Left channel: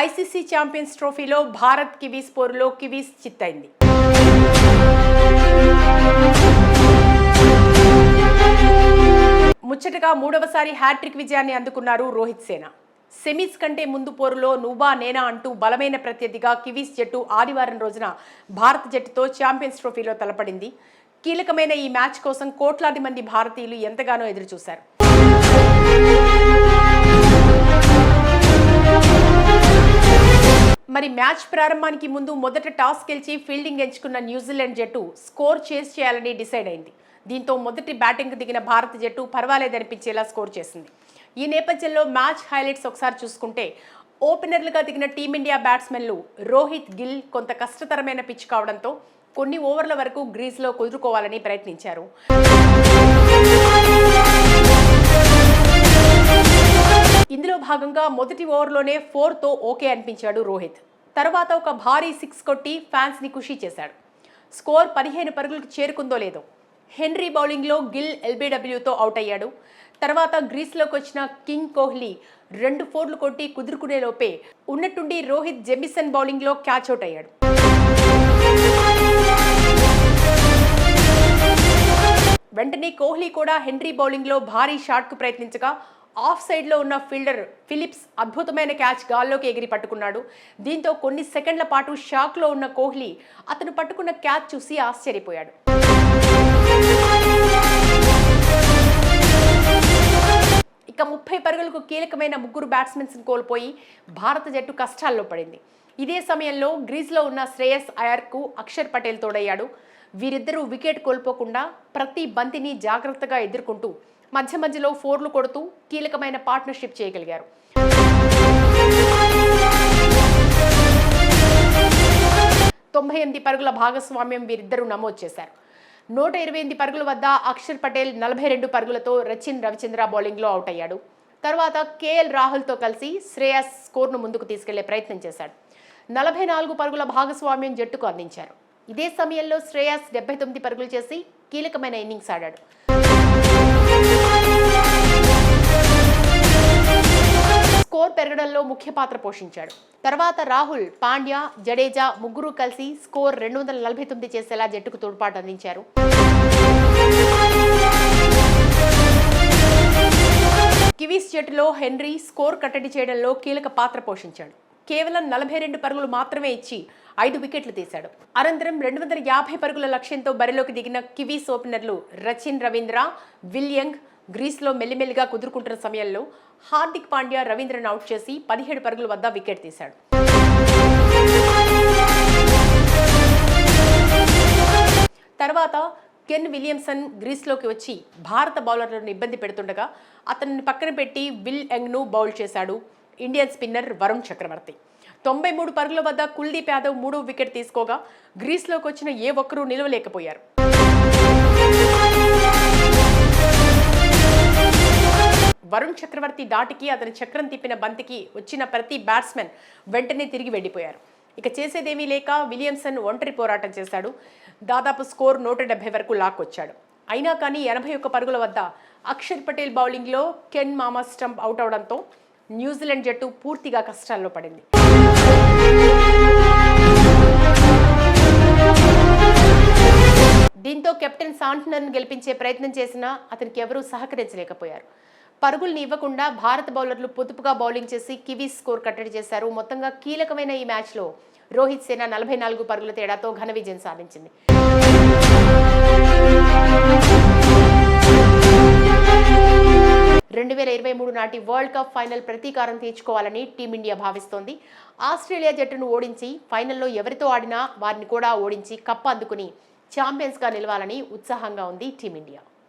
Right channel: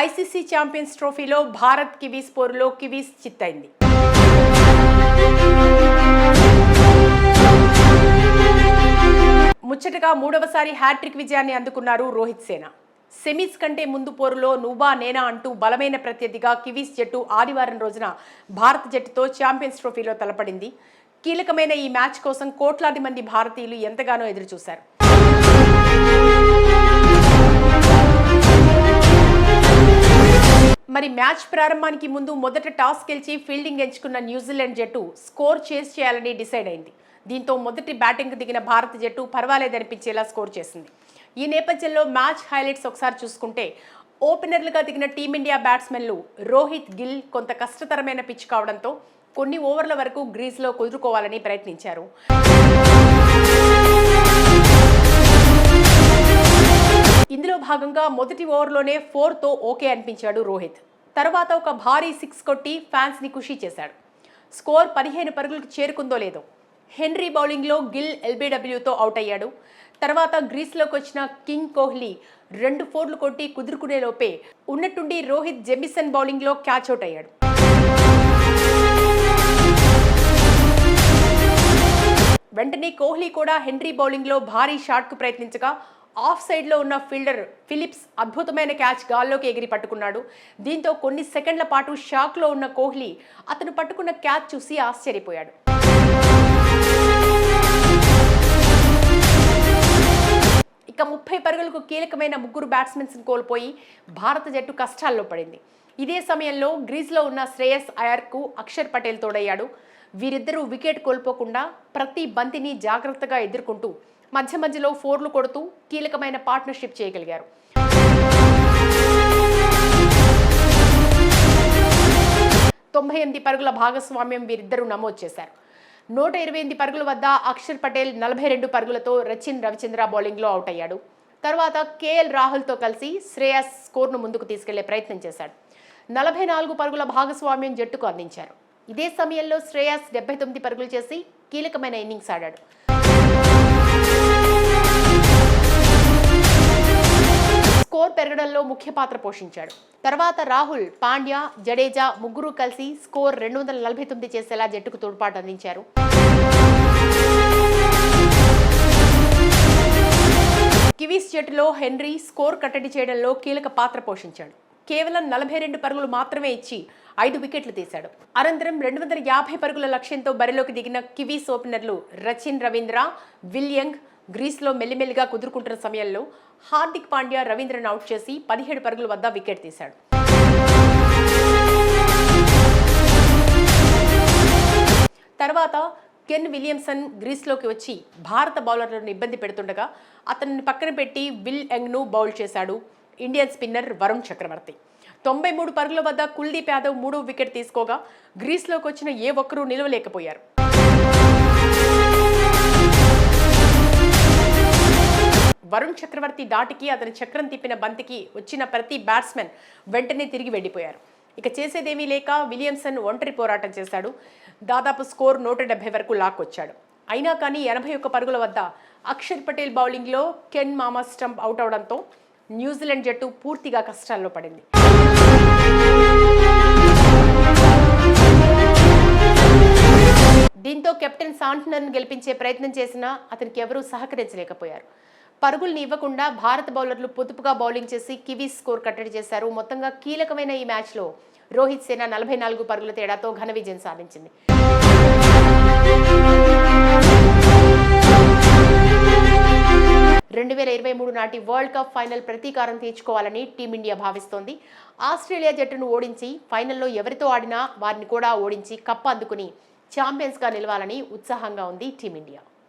ICC champions ట్రోఫీలో Bharat Kiwis పోరులో Kiwis చిత్తైంది. ముచ్చటగా మూడవసారి హ్యాట్రిక్ విజయాన్ని అందుకున్నారు రోహిత్ సేన. సెమీస్ కంటే ముందు పోరులో నువ్వా నేనా అంటూ బలమైన ప్రత్యర్థిగా కివీస్ జట్టు ఆదివారం రోజున భారత జట్టుతో ఛాంపియన్స్ ట్రోఫీలో తలపడింది. కీలకమైన ఈ మ్యాచ్ కోసం కోట్లాది మంది భారతీయులు ఎంతగానో ఎదురుచూశారు. మరి మ్యాచ్ ప్రారంభానికి ముందు మొదట టాస్ గెలిచి ఫీల్డింగ్ ఎంచుకున్న న్యూజిలాండ్ జట్టు స్కోర్ చేస్ చేయాలని డిసైడ్ అయింది. దీంతో మొదటి బ్యాటింగ్ దిగిన భారత జట్టు పర్వాలేదనిపించేలా స్కోర్ చేసింది. ఈ నేపథ్యంలో మ్యాచ్ హైలైట్స్ ఒకసారి చూసుకుంటే ఓపెనర్లుగా దిగిన టీమిండియా బ్యాట్స్మెన్లు రోహిత్, గిల్ కొంత కష్టతరమైన పిచ్ కావడంతో కొన్ని ఓవర్ల వరకు గ్రీజ్లో కుదురుకోవాలని ప్రయత్నించారు. ఇందులో భాగంగా మొదటి ఓవర్లోనే 4తో ఓకే అనిపించాడు రోహిత్. తర్వాత ఒక భారీ 6 కొట్టి ఫ్యాన్స్ని ఖుషీ చేశాడు. స్కోర్ 15 పరుగులకు చేరుకుందో లేదో హెన్రీ బౌలింగ్లో గిల్ ఎల్బీడబ్ల్యూతో అవుట్ అయ్యాడు. తర్వాత గ్రీస్లోకి వచ్చిన కింగ్ కోహ్లీ 2 4లు కొట్టి కుదురుకునే లోపే ఉన్నట్టుండి రోహిత్ జెమిసన్ బౌలింగ్లో క్యాచ్ అవుట్ అయ్యాడు. వెంటనే కోహ్లీ కూడా హెన్రీ బౌలింగ్లో భారీ షాట్కు ప్రయత్నించగా ఆఫ్ సైడ్లో ఉన్న ఫీల్డర్ ఫిలిప్స్ అద్భుతమైన క్యాచ్ గాల్లోకి ఎగిరి పట్టుకున్నాడు. దీంతో కొన్ని సెకండ్ల పాటు షాక్లో ఉన్న కోహ్లీ అతను పట్టుకున్న క్యాచ్ చూసి ఆశ్చర్యపోయాడు. ఇక 30 పరుగులకు కీలకమైన 3 బ్యాట్స్మెన్స్ కోల్పోయి భారత జట్టు కష్టాల్లో పడింది. ఇదే సమయంలో గ్రీజ్లో ఉన్న శ్రేయస్ అయ్యర్కు అక్షర్ పటేల్ తోడయ్యాడు. వీరిద్దరూ వికెట్ కోల్పోకుండా ప్రతి బంతిని జాగ్రత్తగా ఎదుర్కొంటూ మధ్య మధ్యలో 4లు కొడుతూ కీలకమైన పార్ట్నర్షిప్ చేయగలిగారు. పరుగుల భాగస్వామ్యం వీరిద్దరూ నమోదు చేశారు. 128 పరుగుల వద్ద అక్షర్ పటేల్ 42 పరుగులతో రచిన్ రవిచంద్ర బౌలింగ్లో అవుట్ అయ్యాడు. తర్వాత కేఎల్ రాహుల్తో కలిసి శ్రేయస్ స్కోర్ను ముందుకు తీసుకెళ్లే ప్రయత్నం చేశాడు. 44 పరుగుల భాగస్వామ్యం జట్టుకు అందించారు. ఇదే సమయంలో శ్రేయస్ 79 పరుగులు చేసి కీలకమైన ఇన్నింగ్స్ ఆడాడు. స్కోర్ పెరగడంలో ముఖ్య పాత్ర పోషించాడు. తర్వాత రాహుల్, పాండ్యా, జడేజా ముగ్గురు కలిసి స్కోర్ 249 చేసేలా జట్టుకు తోడ్పాటు అందించారు. కివీస్ జట్టులో హెన్రీ స్కోర్ కట్టడి చేయడంలో కీలక పాత్ర పోషించాడు. కేవలం 42 పరుగులు మాత్రమే ఇచ్చి 5 వికెట్లు తీశాడు. అనంతరం 250 పరుగుల లక్ష్యంతో బరిలోకి దిగిన కివీస్ ఓపెనర్లు రచిన్ రవీంద్ర, విలియంగ్ గ్రీస్లో మెల్లిమెల్లిగా కుదురుకుంటున్న సమయంలో హార్దిక్ పాండ్యా రవీంద్రను అవుట్ చేసి 17 పరుగుల వద్ద వికెట్ తీశాడు. తర్వాత కెన్ విలియమ్సన్ గ్రీస్లోకి వచ్చి భారత బౌలర్లను ఇబ్బంది పెడుతుండగా అతన్ని పక్కన పెట్టి విల్ యంగ్ను బౌల్ చేశాడు ఇండియన్ స్పిన్నర్ వరుణ్ చక్రవర్తి. 93 పరుగుల వద్ద కుల్దీప్ యాదవ్ 3వ వికెట్ తీసుకోగా గ్రీస్లోకి వచ్చిన ఏ ఒక్కరూ నిలవలేకపోయారు. వరుణ్ చక్రవర్తి దాటికి అతని చక్రం తిప్పిన బంతికి వచ్చిన ప్రతి బ్యాట్స్మెన్ వెంటనే తిరిగి వెళ్ళిపోయారు. ఇక చేసేదేమీ లేక విలియమ్సన్ ఒంటరి పోరాటం చేశాడు. దాదాపు స్కోర్ 170 వరకు లాక్కొచ్చాడు. అయినా కానీ 81 పరుగుల వద్ద అక్షర్ పటేల్ బౌలింగ్లో కెన్ మామా స్టంప్ అవుట్ అవడంతో న్యూజిలాండ్ జట్టు పూర్తిగా కష్టాల్లో పడింది. దీంతో కెప్టెన్ శాంట్నర్ను గెలిపించే ప్రయత్నం చేసినా అతనికి ఎవరూ సహకరించలేకపోయారు. పరుగుల్ని ఇవ్వకుండా భారత బౌలర్లు పొదుపుగా బౌలింగ్ చేసి కివీస్ స్కోర్ కట్టడి చేశారు. మొత్తంగా కీలకమైన ఈ మ్యాచ్లో రోహిత్ సేన 44 పరుగుల తేడాతో ఘన విజయం సాధించింది. 2023 నాటి వరల్డ్ కప్ ఫైనల్ ప్రతీకారం తీర్చుకోవాలని టీమిండియా భావిస్తోంది. ఆస్ట్రేలియా జట్టును ఓడించి ఫైనల్లో ఎవరితో ఆడినా వారిని కూడా ఓడించి కప్ అందుకుని ఛాంపియన్స్గా నిలవాలని ఉత్సాహంగా ఉంది టీమిండియా.